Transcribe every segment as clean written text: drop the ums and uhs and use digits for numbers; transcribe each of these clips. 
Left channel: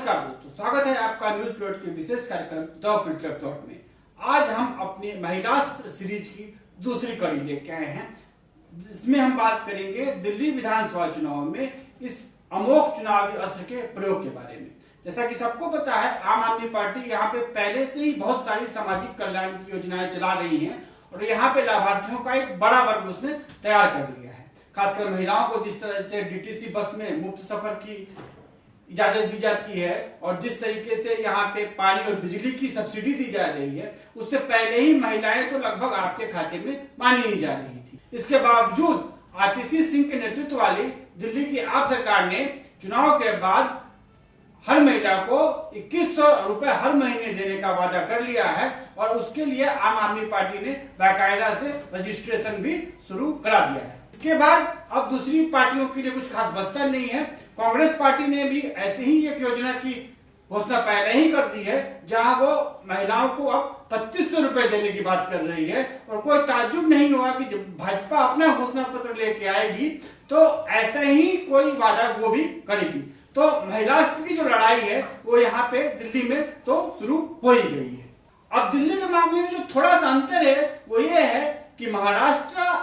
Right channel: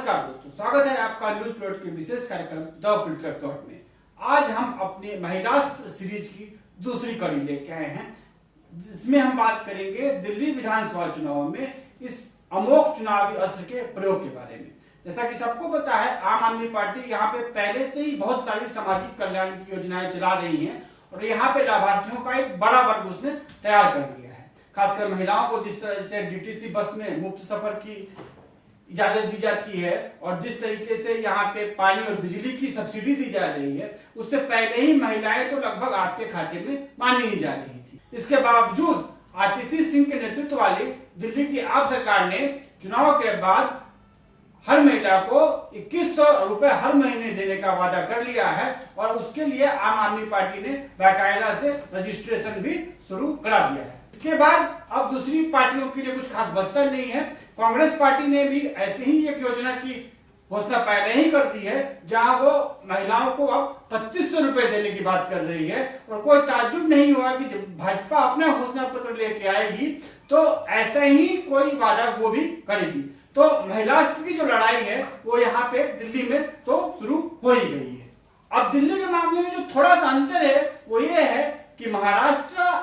नमस्कार दोस्तों, स्वागत है आपका न्यूज प्लॉट के विशेष कार्यक्रम द पॉलिटिकल प्लॉट में। आज हम अपने महिलास्त्र सीरीज की दूसरी कड़ी लेके आए हैं, जिसमें हम बात करेंगे दिल्ली विधानसभा चुनाव में इस अमोघ चुनावी अस्त्र के प्रयोग के बारे में। जैसा कि सबको पता है, आम आदमी पार्टी यहाँ पे पहले से ही बहुत सारी सामाजिक कल्याण की योजनाएं चला रही है और यहाँ पे लाभार्थियों का एक बड़ा वर्ग उसने तैयार कर लिया है। खासकर महिलाओं को जिस तरह से डीटीसी बस में मुफ्त सफर की इजाजत दी जाती है और जिस तरीके से यहाँ पे पानी और बिजली की सब्सिडी दी जा रही है, उससे पहले ही महिलाएं तो लगभग आपके खाते में मानी ही जा रही थी। इसके बावजूद आतिशी सिंह के नेतृत्व वाली दिल्ली की आप सरकार ने चुनाव के बाद हर महिला को 2100 रुपए हर महीने देने का वादा कर लिया है और उसके लिए आम आदमी पार्टी ने बाकायदा से रजिस्ट्रेशन भी शुरू करा दिया है। इसके बाद अब दूसरी पार्टियों के लिए कुछ खास बचता नहीं है। कांग्रेस पार्टी ने भी ऐसे ही एक योजना की घोषणा पहले ही कर दी है, जहां वो महिलाओं को अब 2500 रुपए देने की बात कर रही है। और कोई ताज्जुब नहीं हुआ कि जब भाजपा अपना घोषणा पत्र लेके आएगी तो ऐसा ही कोई वादा वो भी करेगी। तो महिलास्त्र की जो लड़ाई है वो यहाँ पे दिल्ली में तो शुरू हो ही गई है। अब दिल्ली के मामले में जो थोड़ा सा अंतर है वो ये है कि महाराष्ट्र,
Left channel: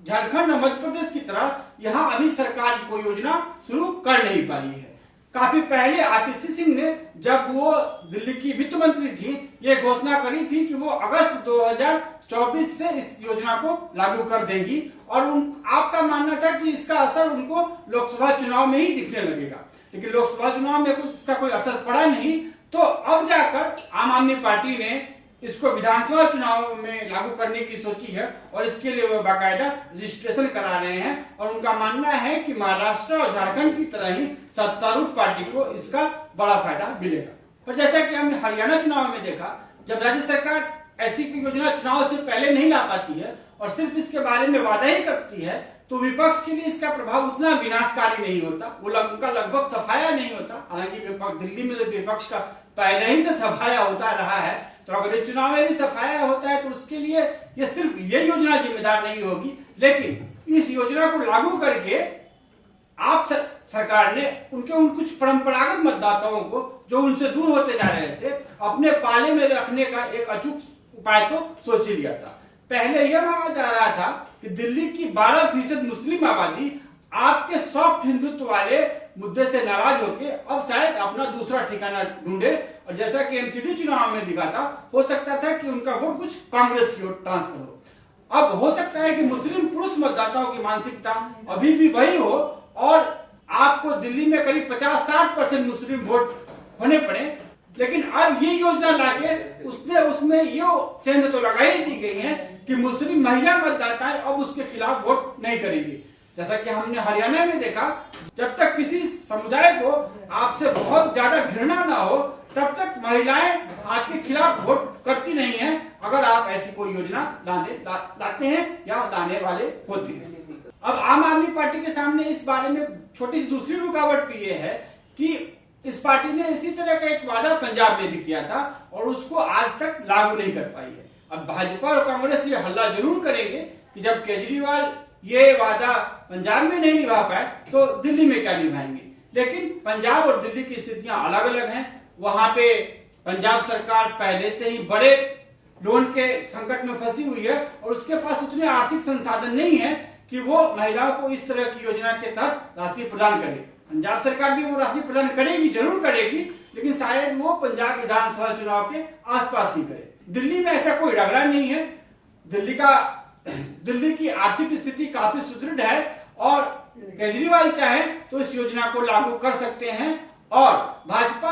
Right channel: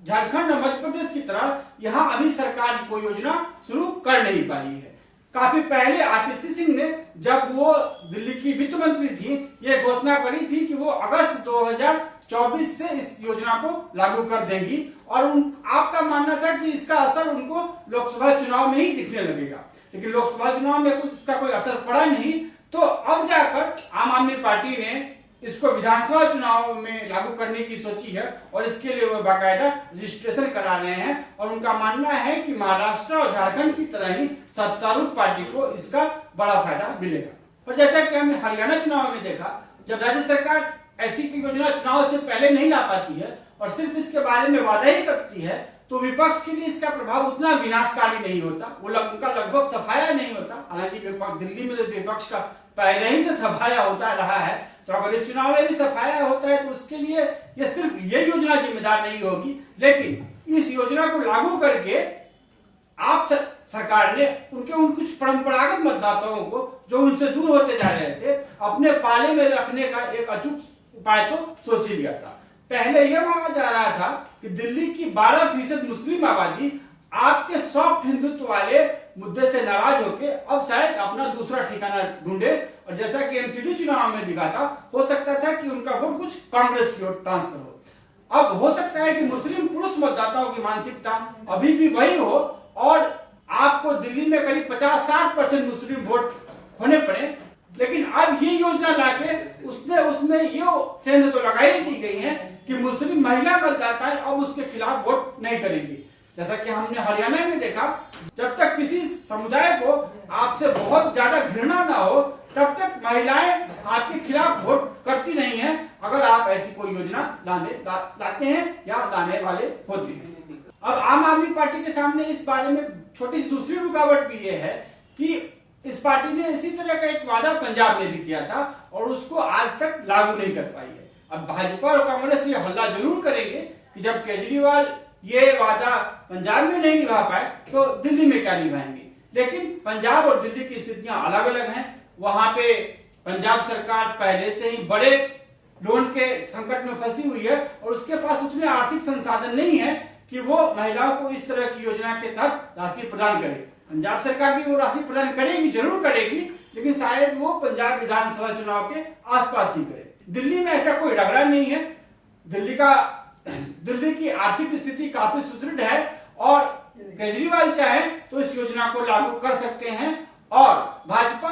झारखंड और मध्य प्रदेश की तरह यहाँ अभी सरकार कोई योजना शुरू कर नहीं पाई है। काफी पहले आतिशी सिंह ने, जब वो दिल्ली की वित्त मंत्री थी, ये घोषणा करी थी कि वो अगस्त 2024 से इस योजना को लागू कर देगी और आपका मानना था कि इसका असर उनको लोकसभा चुनाव में ही दिखने लगेगा। लेकिन लोकसभा चुनाव में कुछ इसका कोई असर पड़ा नहीं। तो अब जाकर आम आदमी पार्टी ने इसको विधानसभा चुनाव में लागू करने की सोची है और इसके लिए वो बाकायदा रजिस्ट्रेशन करा रहे हैं। और उनका मानना है कि महाराष्ट्र और झारखंड की तरह ही सत्तारूढ़ पार्टी को इसका बड़ा फायदा मिलेगा। पर जैसा कि हमने हरियाणा चुनाव में देखा, जब राज्य सरकार ऐसी कोई योजना चुनाव से पहले नहीं ला पाती है और सिर्फ इसके बारे में वादा ही करती है, तो विपक्ष के लिए इसका प्रभाव उतना विनाशकारी नहीं होता, उनका लगभग सफाया नहीं होता। हालांकि दिल्ली में जो विपक्ष का पहले ही से सफाया होता रहा है, तो अगर इस चुनाव में भी सफाया होता है तो उसके लिए ये सिर्फ ये योजना जिम्मेदार नहीं होगी। लेकिन इस योजना को लागू करके आप सरकार ने उन कुछ परंपरागत मतदाताओं को, जो उनसे दूर होते जा रहे थे, अपने पाले में रखने का एक अचूक उपाय तो सोच ही लिया था। पहले यह माना जा रहा था कि दिल्ली की 12% मुस्लिम आबादी आपके सॉफ्ट हिंदुत्व वाले मुद्दे से नाराज होकर अब शायद अपना दूसरा ठिकाना ढूंढे और जैसा कि एमसीडी चुनाव में दिखा था, हो सकता था कि उनका वोट कुछ कांग्रेस की ओर ट्रांसफर हो। अब हो सकता है कि मुस्लिम पुरुष मतदाताओं की मानसिकता अभी भी वही हो और आपको दिल्ली में करीब 50-60% मुस्लिम वोट होने पड़े। लेकिन अब ये योजना लाके उसमें ये सेंध तो लगाई दी गई है कि मुस्लिम महिला मतदाता अब उसके खिलाफ वोट नहीं करेंगी। जैसा कि हमने हरियाणा में देखा, जब तक किसी समुदाय को आपसे बहुत ज्यादा घृणा ना हो तब तक महिलाएं आपके खिलाफ वोट करती नहीं है, अगर आप ऐसी कोई योजना लाते हैं या लाने वाले होते हैं। अब आम आदमी पार्टी के सामने इस बारे में छोटी सी दूसरी रुकावट भी ये है कि इस पार्टी ने इसी तरह का एक वादा पंजाब में भी किया था और उसको आज तक लागू नहीं कर पाई है। अब भाजपा और कांग्रेस ये हल्ला जरूर करेंगे कि जब केजरीवाल ये वादा पंजाब में नहीं निभा पाए तो दिल्ली में क्या निभाएंगे। लेकिन पंजाब और दिल्ली की स्थितियां अलग अलग हैं। वहां पे पंजाब सरकार पहले से ही बड़े लोन के संकट में फंसी हुई है और उसके पास उतने आर्थिक संसाधन नहीं है कि वो महिलाओं को इस तरह की योजना के तहत राशि प्रदान करे। पंजाब सरकार भी वो राशि प्रदान करेगी, जरूर करेगी, लेकिन शायद वो पंजाब विधानसभा चुनाव के आसपास ही करे। दिल्ली में ऐसा कोई रगड़ा नहीं है। दिल्ली की आर्थिक स्थिति काफी सुदृढ़ है और केजरीवाल चाहे तो इस योजना को लागू कर सकते हैं और भाजपा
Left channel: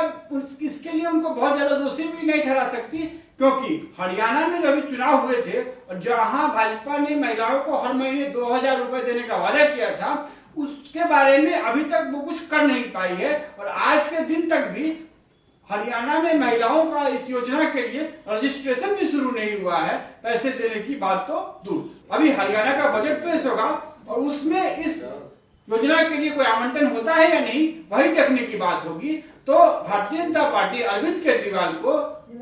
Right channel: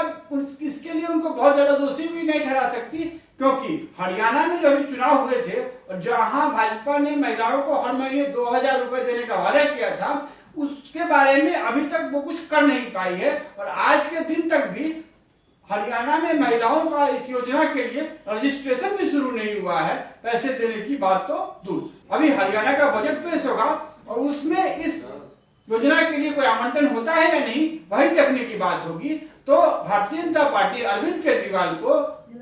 इसके लिए उनको बहुत ज्यादा दोषी भी नहीं ठहरा सकती, क्योंकि हरियाणा में जो अभी चुनाव हुए थे और जहां भाजपा ने महिलाओं को हर महीने 2000 रुपए देने का वादा किया था, उसके बारे में अभी तक वो कुछ कर नहीं पाई है और आज के दिन तक भी हरियाणा में महिलाओं का इस योजना के लिए रजिस्ट्रेशन भी शुरू नहीं हुआ है। पैसे देने की बात तो दूर। अभी हरियाणा का बजट पेश होगा और उसमें इस योजना के लिए कोई आवंटन होता है या नहीं, वही देखने की बात होगी। तो भारतीय जनता पार्टी अरविंद केजरीवाल को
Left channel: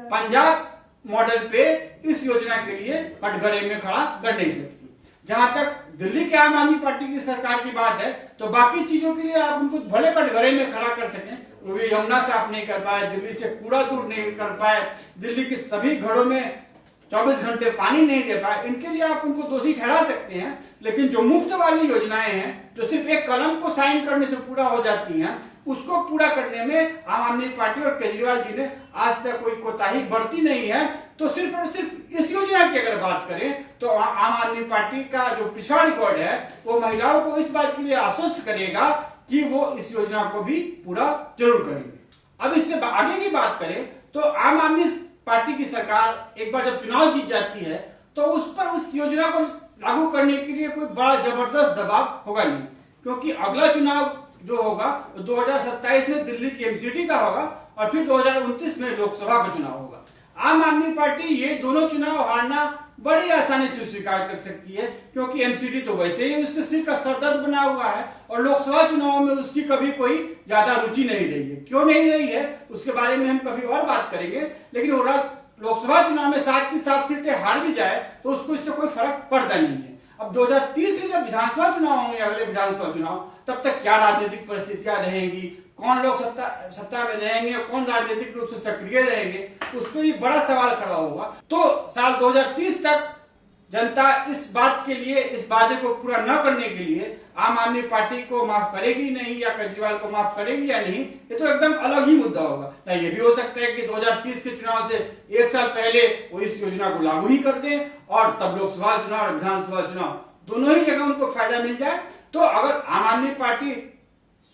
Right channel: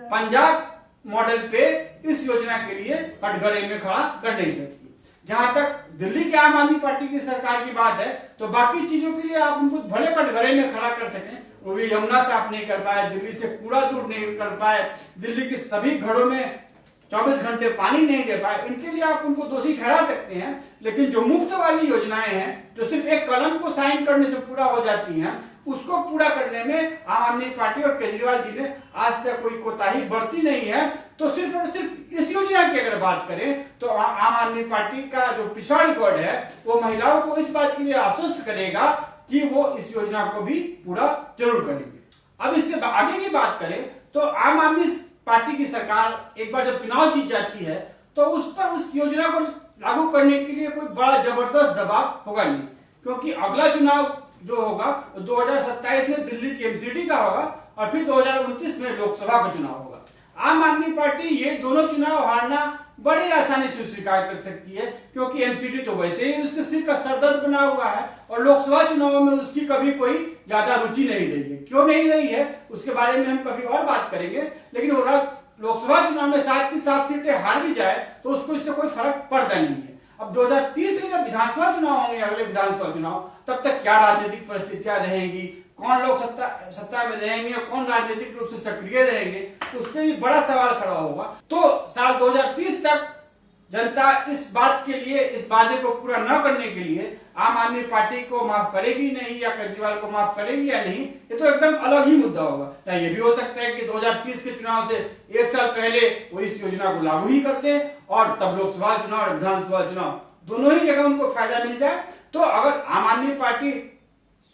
पंजाब मॉडल पे इस योजना के लिए कटघरे में खड़ा कर नहीं सकती। जहां तक दिल्ली की आम आदमी पार्टी की सरकार की बात है, तो बाकी चीजों के लिए आप उनको भले कटघरे में खड़ा कर सकें, वो भी यमुना साफ नहीं कर पाए, दिल्ली से कूड़ा दूर नहीं कर पाए, दिल्ली के सभी घरों में 24 घंटे पानी नहीं दे पाए, इनके लिए आप उनको दोषी ठहरा सकते हैं। लेकिन जो मुफ्त वाली योजनाएं हैं, जो सिर्फ एक कलम को साइन करने से पूरा हो जाती हैं, उसको पूरा करने में आम आदमी पार्टी और केजरीवाल जी ने आज तक कोई कोताही बरती नहीं है। तो सिर्फ और सिर्फ इस योजना की अगर बात करें तो आम आदमी पार्टी का जो पिछड़ा रिकॉर्ड है वो महिलाओं को इस बात के लिए आश्वस्त करेगा कि वो इस योजना को भी पूरा जरूर करेंगे। अब इससे आगे की बात करें तो आम आदमी पार्टी की सरकार एक बार जब चुनाव जीत जाती है तो उस पर उस योजना को लागू करने के लिए कोई बड़ा जबरदस्त दबाव होगा नहीं, क्योंकि अगला चुनाव जो होगा 2027 में दिल्ली की एमसीडी का होगा और फिर 2029 में लोकसभा का चुनाव होगा। आम आदमी पार्टी ये दोनों चुनाव हारना बड़ी आसानी से स्वीकार कर सकती है, क्योंकि एमसीडी तो वैसे ही उसके सिर का सरदर्द बना हुआ है और लोकसभा चुनाव में उसकी कभी कोई ज्यादा रुचि नहीं रही है। क्यों नहीं रही है उसके बारे में हम कभी और बात करेंगे, लेकिन वो लोकसभा चुनाव में 7 की 7 सीटें हार भी जाए तो उसको इससे कोई फर्क पड़ता नहीं है। अब 2030 में जब विधानसभा चुनाव होंगे, अगले विधानसभा चुनाव, तब तक क्या राजनीतिक परिस्थितियां रहेंगी, कौन लोग सत्ता में रहेंगे और कौन राजनीतिक रूप से सक्रिय रहेंगे, उस पर भी बड़ा सवाल खड़ा होगा। तो साल 2030 तक जनता इस बात के लिए, इस वादे को पूरा न करने के लिए आम आदमी पार्टी को माफ करेगी नहीं या केजरीवाल को माफ करेगी या नहीं, ये तो एकदम अलग ही मुद्दा होगा। या ये भी हो सकता है कि 2030 के चुनाव से 1 साल पहले वो इस योजना को लागू ही करते हैं और तब लोकसभा चुनाव और विधानसभा चुनाव दोनों ही जगह उनको फायदा मिल जाए। तो अगर आम आदमी पार्टी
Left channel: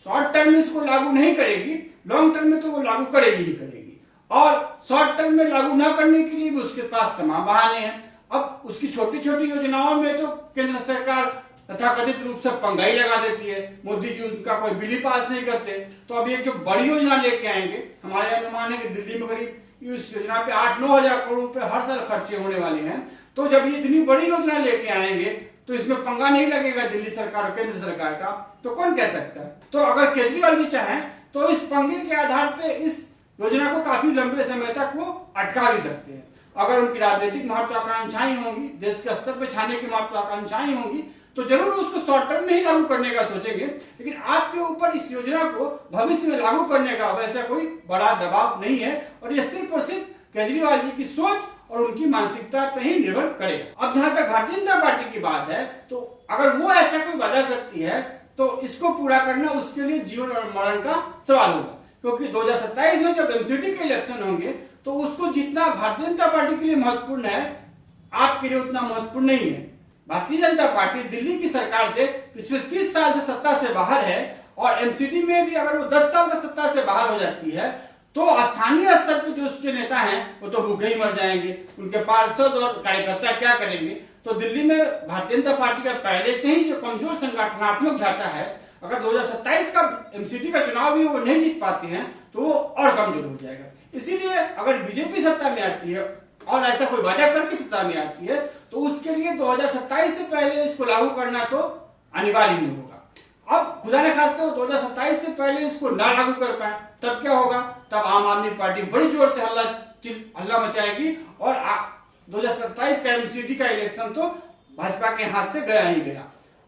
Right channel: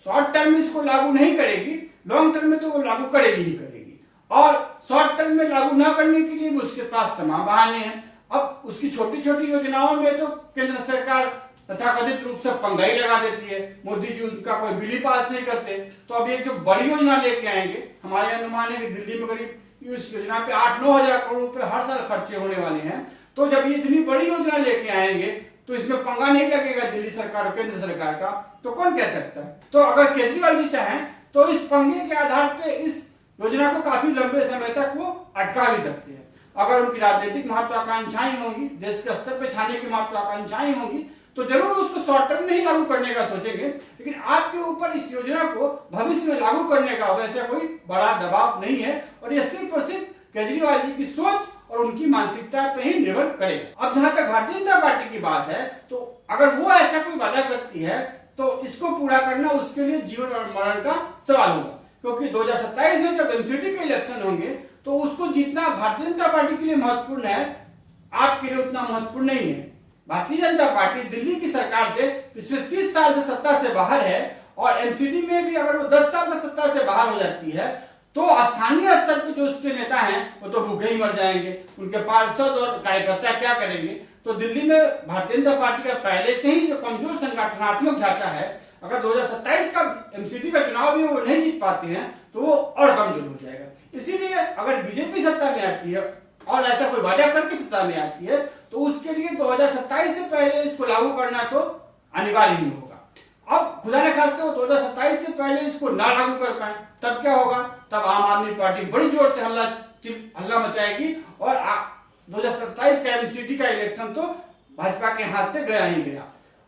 शॉर्ट टर्म में इसको लागू नहीं करेगी, लॉन्ग टर्म में तो वो लागू करेगी ही करेगी। और शॉर्ट टर्म में लागू न करने के लिए भी उसके पास तमाम बहाने हैं। अब उसकी छोटी छोटी योजनाओं में तो केंद्र सरकार तथाकथित रूप से पंगा ही लगा देती है, मोदी जी उनका कोई बिल ही पास नहीं करते। तो अब एक जो बड़ी योजना लेके आएंगे, हमारे अनुमान है कि दिल्ली में करीब इस योजना पे 8-9 हजार करोड़ रुपए हर साल खर्चे होने वाले हैं। तो जब ये इतनी बड़ी योजना लेके आएंगे तो इसमें पंगा नहीं लगेगा दिल्ली सरकार और केंद्र सरकार का, तो कौन कह सकता है। तो अगर केजरीवाल जी चाहें तो इस पंगे के आधार पे इस योजना को काफी लंबे समय तक वो अटका भी सकते हैं। अगर उनकी राजनीतिक महत्वाकांक्षाएं होंगी, देश के स्तर पर छाने की महत्वाकांक्षाएं होंगी, तो जरूर उसको शॉर्ट टर्म में ही लागू करने का सोचेंगे। लेकिन आपके ऊपर इस योजना को भविष्य में लागू करने का वैसा कोई बड़ा दबाव नहीं है और ये सिर्फ और सिर्फ केजरीवाल जी की सोच और उनकी मानसिकता पे ही निर्भर करेगा। अब जहां तक भारतीय जनता पार्टी की बात है, तो अगर वो ऐसा कोई वादा करती है तो इसको पूरा करना उसके लिए जीवन और मरण का सवाल होगा, क्योंकि 2027 में जब एमसीडी के इलेक्शन होंगे तो उसको जितना भारतीय जनता पार्टी के लिए महत्वपूर्ण है, आपके लिए उतना महत्वपूर्ण नहीं है। भारतीय जनता पार्टी दिल्ली की सरकार से पिछले 30 साल से सत्ता से बाहर है और एमसीडी में भी अगर वो 10 साल तक सत्ता से बाहर हो जाती है तो स्थानीय स्तर पे जो उसके नेता हैं वो तो भूखे ही मर जाएंगे, उनके पार्षद और कार्यकर्ता क्या करेंगे। तो दिल्ली में भारतीय जनता पार्टी का पहले से ही जो कमजोर संगठनात्मक ढांचा है, अगर 2027 का एमसीडी का चुनाव भी वो नहीं जीत पाते हैं तो वो और कमजोर हो जाएगा। इसीलिए अगर बीजेपी सत्ता में आती है और ऐसा कोई वादा करके सत्ता में आती है तो उसके लिए 2027 से पहले इसको लागू करना तो अनिवार्य ही होगा। अब खुदा न खास्ते वो 2027 से पहले इसको ना लागू कर पाए तब क्या होगा, तब आम आदमी पार्टी बड़ी जोर से हल्ला मचाएगी और 2027 का एमसीडी का इलेक्शन तो भाजपा के हाथ से गया ही गया।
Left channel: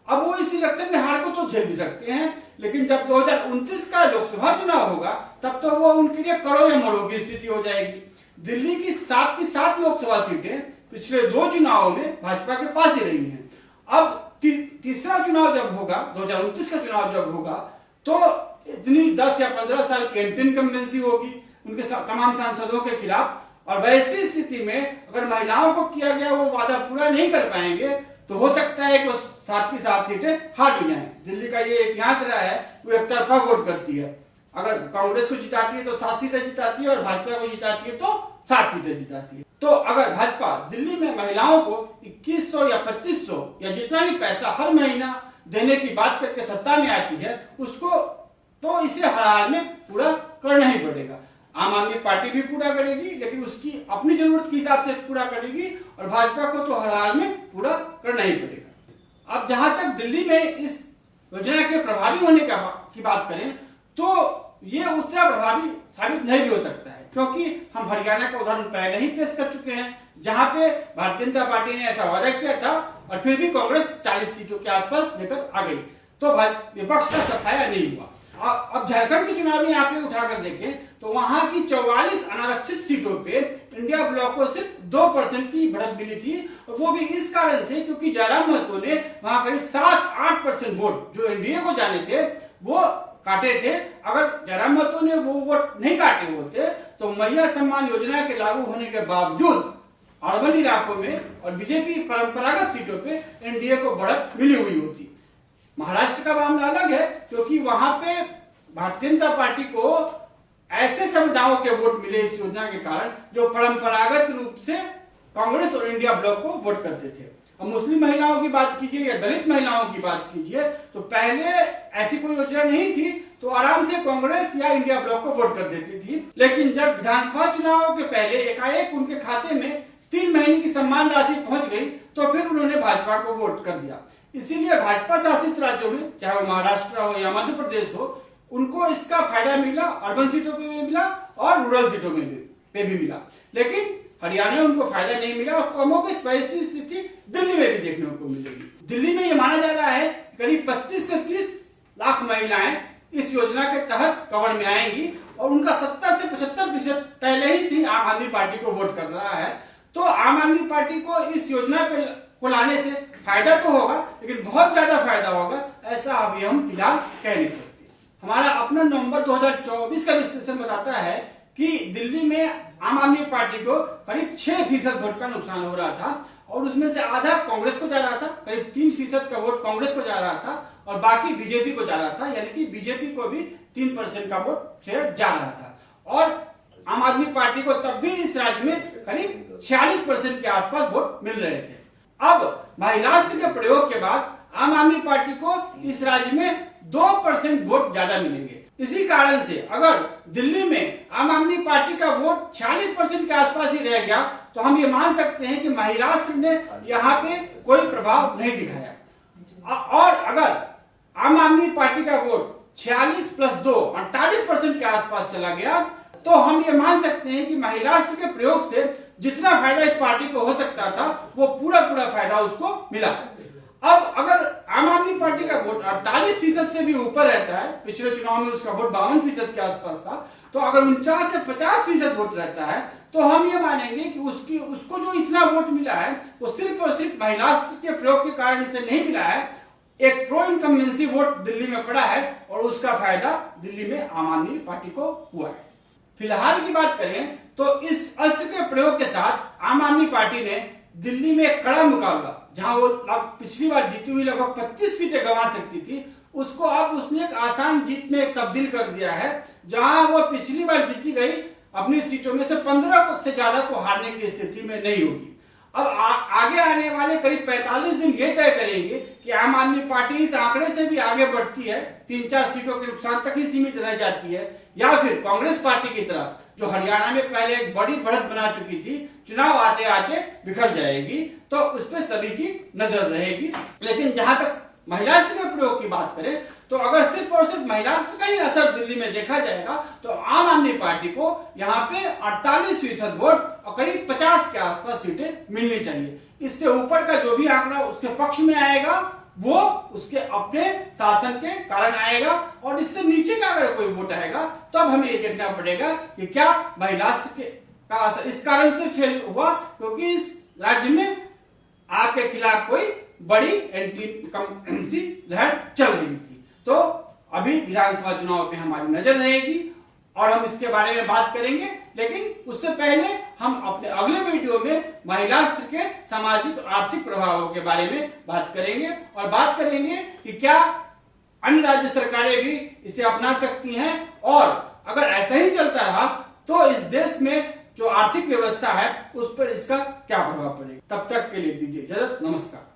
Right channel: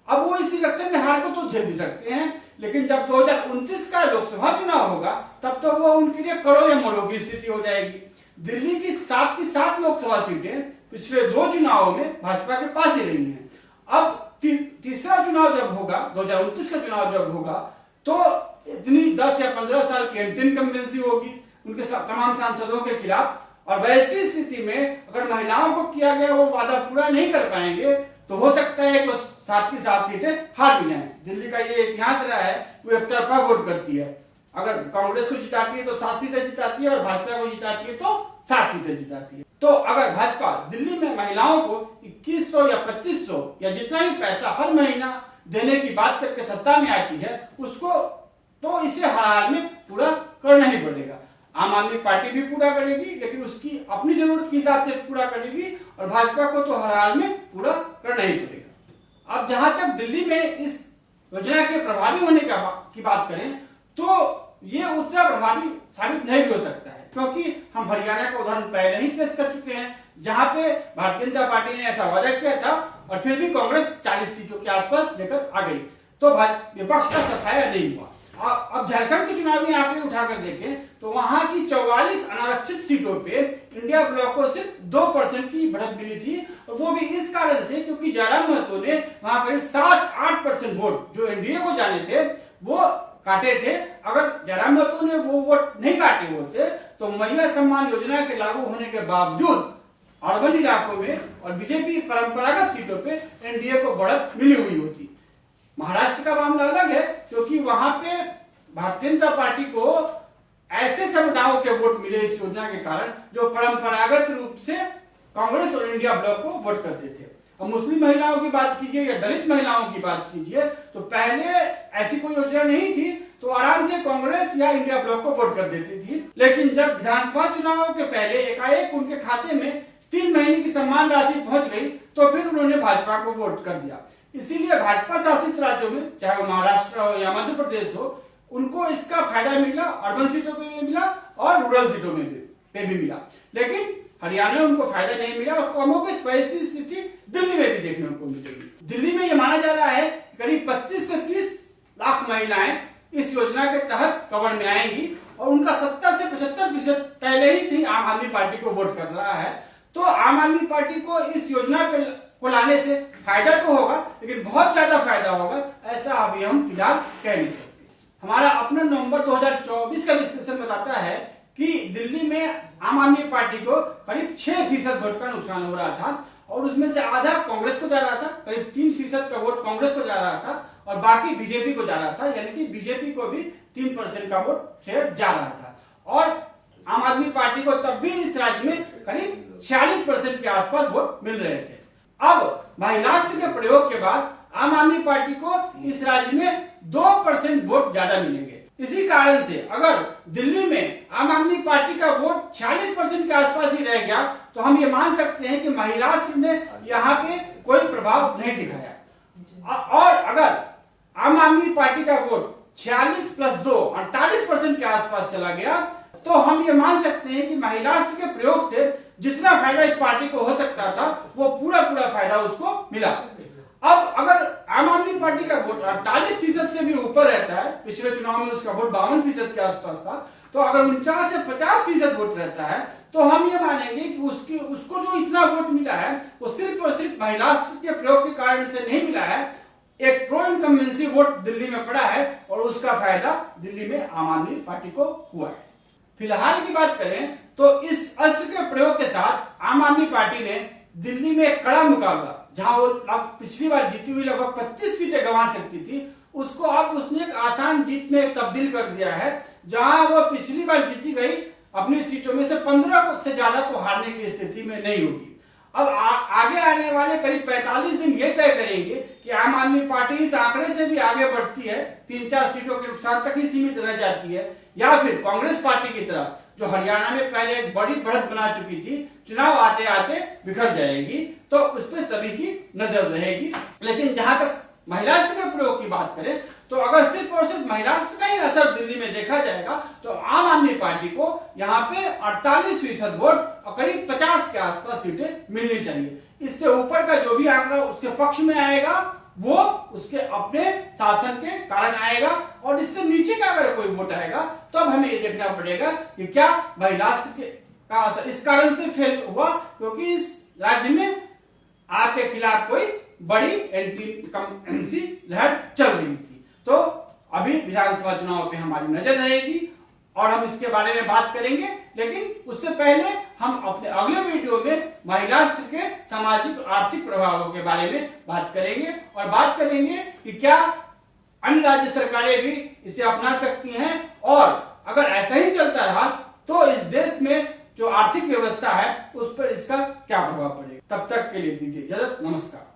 अब वो इस इलेक्शन में हार को तो झेल भी सकते हैं, लेकिन जब 2029 का लोकसभा चुनाव होगा तब तो वो उनके लिए कड़ो या मरो की स्थिति हो जाएगी। दिल्ली की 7 लोकसभा सीटें पिछले 2 चुनावों में भाजपा के पास ही रही हैं। अब तीसरा चुनाव जब होगा, 2029 का चुनाव जब होगा, तो इतनी 10 या 15 साल की एंटी इनकम्बेंसी होगी उनके तमाम सांसदों के खिलाफ। और वैसी स्थिति में अगर महिलाओं को किया गया वो वादा पूरा नहीं कर पाएंगे तो हो सकता है कि 7 की 7 सीटें हार भी जाएं। दिल्ली का ये इतिहास रहा है, वो एक तरफा वोट करती है। अगर कांग्रेस को जिताती है तो 7 सीटें जिताती है और भाजपा को जिताती है तो 7 सीटें जिताती है। तो अगर भाजपा दिल्ली में महिलाओं को 2100 या 2500 या जितना भी पैसा हर महीना देने की बात करके सत्ता में आती है, उसको तो इसे हर हाल में पूरा करना ही पड़ेगा। आम आदमी पार्टी भी पूरा करेगी, लेकिन उसकी अपनी जरूरत के हिसाब से पूरा करेगी और भाजपा को तो हर हाल में पूरा करना ही पड़ेगा। अब जहां तक दिल्ली में इस योजना के प्रभावी होने की बात करें तो ये उतना प्रभावी साबित नहीं भी हो सकता है, क्योंकि हम हरियाणा का उदाहरण पहले ही पेश कर चुके हैं, जहां पे भारतीय जनता पार्टी ने ऐसा वादा किया था और फिर भी कांग्रेस 40 सीटों के आसपास लेकर आ गई, तो विपक्ष का सफाया नहीं हुआ। अब झारखंड के चुनावी आंकड़े उठाकर देखें तो वहां की 44 अनारक्षित सीटों पे इंडिया ब्लॉक को सिर्फ 2% की बढ़त मिली थी, और वो भी इस कारण से क्योंकि जयराम महतो ने वहां करीब 7-8% वोट जो एनडीए को जाने थे वो काटे थे। अगर जयराम महतो ने वो वोट नहीं काटे होते तो मैया सम्मान योजना के लागू होने के बावजूद अर्बन इलाकों में और बीजेपी परंपरागत सीटों पे एनडीए को बढ़त मिली हुई होती। महाराष्ट्र का मामला अलग है क्योंकि वहां पे भारतीय जनता पार्टी को ऐसे समुदायों के वोट मिले इस योजना के कारण जो परंपरागत रूप से कांग्रेस और इंडिया ब्लॉक को वोट करते थे। अब मुस्लिम महिलाओं की बात कीजिए या दलित महिलाओं की बात कीजिए तो पहले ऐसी कोई योजना नहीं थी तो आराम से कांग्रेस या इंडिया ब्लॉक को वोट कर देती थी। लेकिन जब विधानसभा चुनावों के पहले एकाएक उनके खाते में 3 महीने की सम्मान राशि पहुंच गई तो फिर उन्होंने भाजपा को वोट कर दिया। इसीलिए भाजपा शासित राज्यों में चाहे वो महाराष्ट्र हो या मध्य प्रदेश हो उनको इसका फायदा मिला, अर्बन सीटों पे भी मिला और रूरल सीटों में भी मिला। लेकिन हरियाणा में उनको फायदा नहीं मिला और कमोबेश वैसी स्थिति दिल्ली में भी देखने को मिलेगी। दिल्ली में यह माना जा रहा है करीब 25 से 30 लाख महिलाएं इस योजना के तहत कवर में आएंगी और उनका 70 से 75% पहले ही से आम आदमी पार्टी को वोट कर रहा है। तो आम आदमी पार्टी को इस योजना को लाने से फायदा तो होगा लेकिन बहुत ज्यादा फायदा होगा ऐसा अभी हम फिलहाल कह नहीं सकते। हमारा अपना नवंबर 2024 का विश्लेषण बताता है कि दिल्ली में आम आदमी पार्टी को करीब 6% वोट का नुकसान हो रहा था और उसमें से आधा कांग्रेस को जा रहा था, करीब 3% का वोट कांग्रेस को जा रहा था और बाकी बीजेपी को जा रहा था, यानी कि बीजेपी को भी 3% का वोट शेयर जा रहा था। और आम आदमी पार्टी को तब भी इस राज्य में करीब 46% के आसपास वोट मिल रहे थे। अब महिलास्त्र के प्रयोग के बाद आम आदमी पार्टी को इस राज्य में 2% वोट ज्यादा मिलेंगे। इसी कारण से अगर दिल्ली में आम आदमी पार्टी का वोट 46% के आसपास ही रह गया तो हम ये मान सकते हैं कि महिलास्त्र ने यहाँ पे कोई प्रभाव नहीं दिखाया। और अगर आम आदमी पार्टी का वोट 46 + 2 48% के आसपास चला गया तो हम ये मान सकते हैं कि महिलास्त्र के प्रयोग से जितना फायदा इस पार्टी को हो सकता था वो पूरा फायदा उसको मिला। अब अगर आम आदमी पार्टी का वोट 48% से भी ऊपर रहता है, पिछले चुनाव में उसका वोट 52% के आसपास था, तो अगर 49 से 50% वोट रहता है तो हम ये मानेंगे कि उसको जो इतना वोट मिला है वो सिर्फ और सिर्फ महिलास्त्र के प्रयोग के कारण से नहीं मिला है। एक प्रो इनकम्बेंसी वोट दिल्ली में पड़ा है और उसका फायदा दिल्ली में आम आदमी पार्टी को हुआ है। फिलहाल की बात करें तो इस अस्त्र के प्रयोग के साथ आम आदमी पार्टी ने दिल्ली में कड़ा मुकाबला, जहां वो पिछली बार जीती हुई लगभग 25 सीटें गंवा सकती थी, उसको अब उसने एक आसान जीत में तब्दील कर दिया है। जहां वो पिछली बार जीती गई अपनी सीटों में से 15 से ज्यादा को हारने की स्थिति में नहीं होगी। अब आगे आने वाले करीब 45 दिन ये तय करेंगे कि आम आदमी पार्टी इस आंकड़े से भी आगे बढ़ती है, 3-4 सीटों के नुकसान तक ही सीमित रह जाती है, या फिर कांग्रेस पार्टी की तरह जो हरियाणा में पहले एक बड़ी बढ़त बना चुकी थी चुनाव आते आते बिखर जाएगी। तो उस पर सभी की नजर रहेगी। लेकिन जहां तक महिलास्त्र के प्रयोग की बात करें तो अगर सिर्फ और सिर्फ महिलास्त्र का ही असर दिल्ली में देखा जाएगा तो आम आदमी पार्टी को यहाँ पे 48% वोट और करीब 50 के आसपास सीटें मिलनी चाहिए। इससे ऊपर का जो भी आंकड़ा उसके पक्ष में आएगा वो उसके अपने शासन के कारण आएगा, और इससे नीचे का अगर कोई वोट आएगा तब तो हमें ये देखना पड़ेगा कि क्या महिलास्त्र का असर इस कारण से फेल हुआ क्योंकि इस राज्य में आपके खिलाफ कोई बड़ी एंटी इनकम्बेंसी लहर चल रही थी। तो अभी विधानसभा चुनाव पे हमारी नजर रहेगी और हम इसके बारे में बात करेंगे, लेकिन उससे पहले हम अपने अगले वीडियो में महिलास्त्र के सामाजिक और आर्थिक प्रभावों के बारे में बात करेंगे और बात करेंगे कि क्या अन्य राज्य सरकारें भी इसे अपना सकती हैं, और अगर ऐसा ही चलता रहा तो इस देश में जो आर्थिक व्यवस्था है उस पर इसका क्या प्रभाव पड़ेगा। तब तक के लिए दीजिए इजाजत, नमस्कार।